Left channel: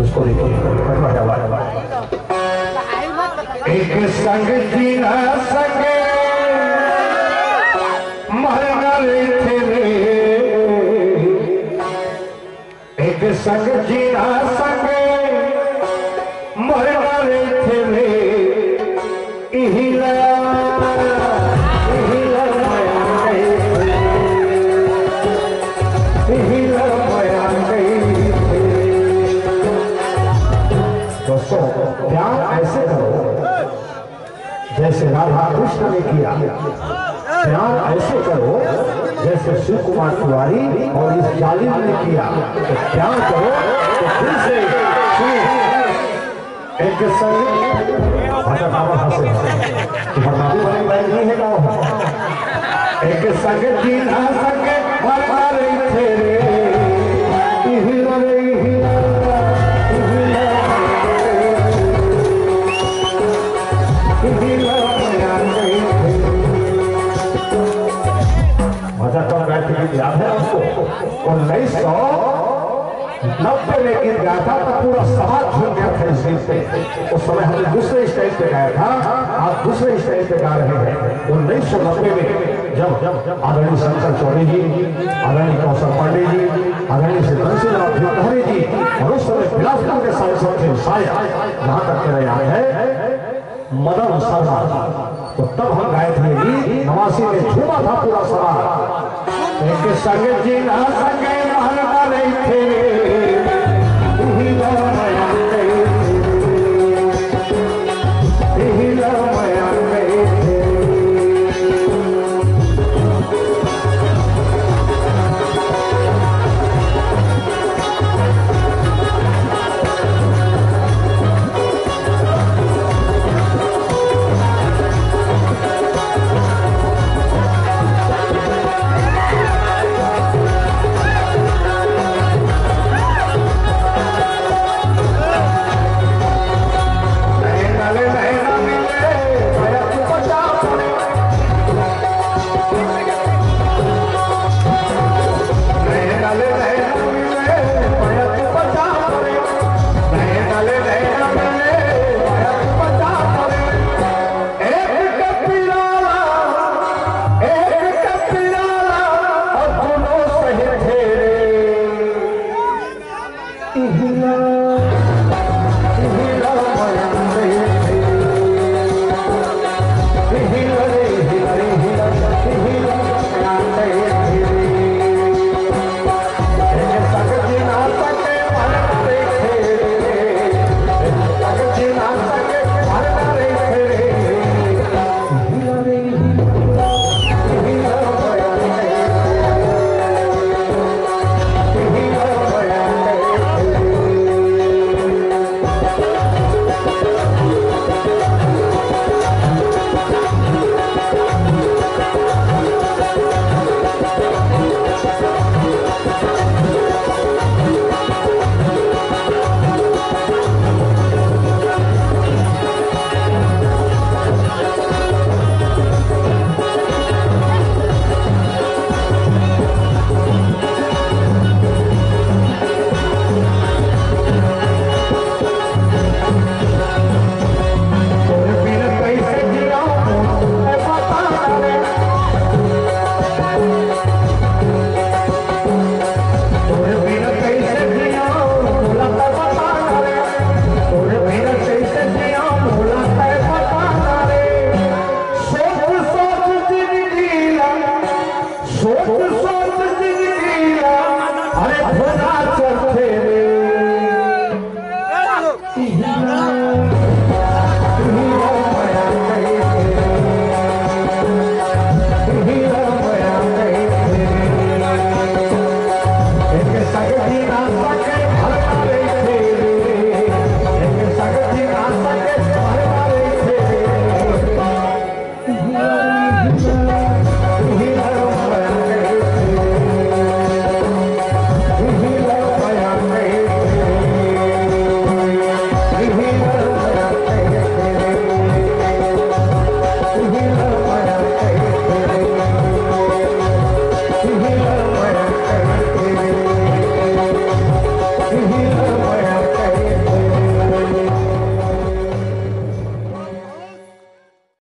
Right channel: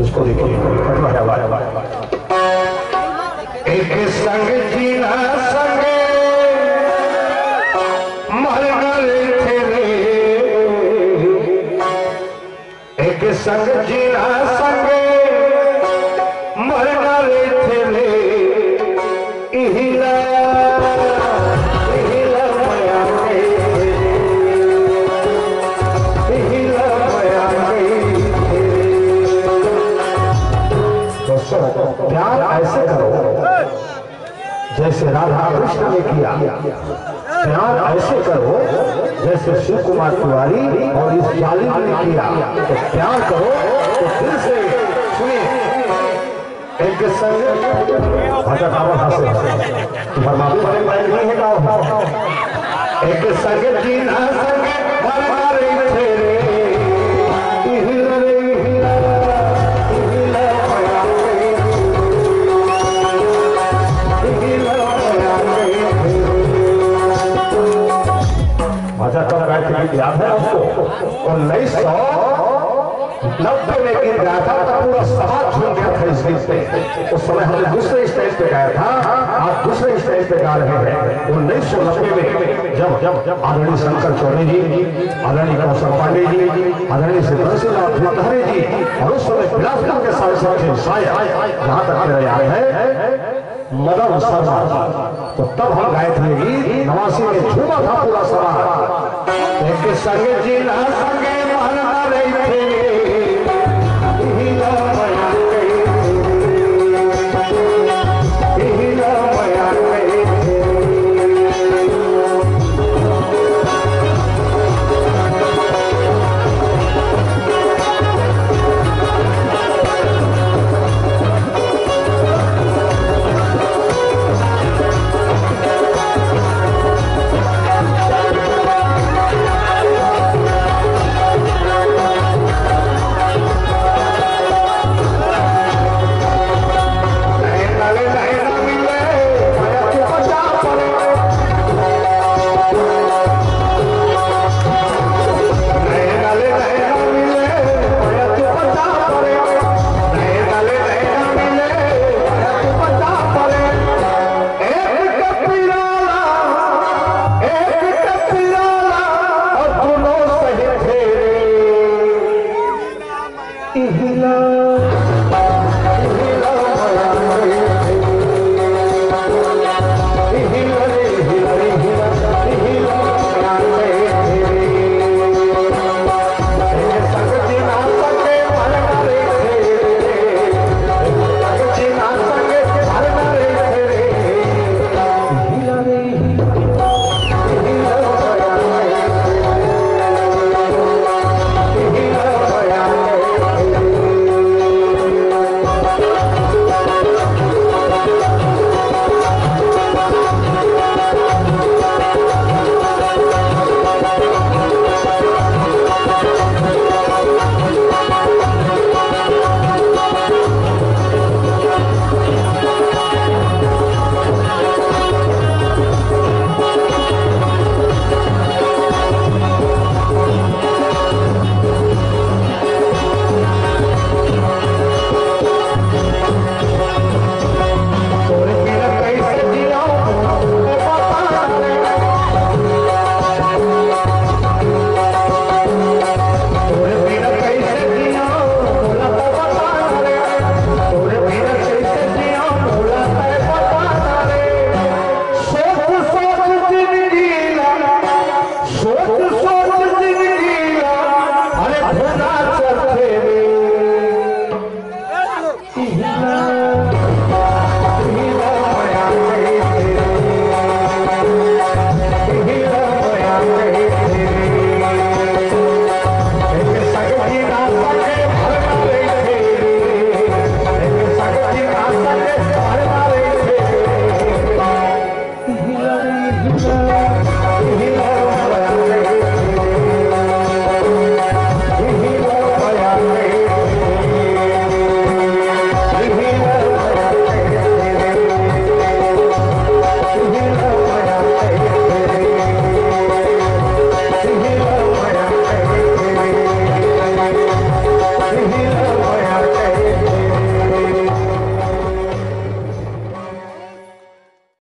इसको देखिए एक संग जीना संग मरना थे रे एक संग जीना संग मरना थे रे इहिला प्यार ऐसे करो जैसे राधा कृष्ण ने किया, प्यार ऐसे करो जैसे शिव कुमार तिवारी और इस जालिम ने किया। तो प्यार करो तो फिर से सुनिए एक संग नहीं है गाँव एक संग जीना संग याद है उसको 1990 में गीत गाया था तो पूरा समाज झूम गया था इस गीत पे। उस समय हमने दूसरे स्टेज पे गाया था, आप दूसरे स्टेज पे गा रहे हैं। 1990 में जब आदरणीय शंकर चौधरी जी, आदरणीय कौशल पांडे जी, आदरणीय सिद्धनाथ भूतहरी जी और उस समय बिलासपुर के सांसद थे शायद जहां तक मेरा याद है मदन शर्मा, तो तब हम गाए थे गीत, 89 में झूमा था पूरा समाज। एक संग जीना संग मरना थे इहिला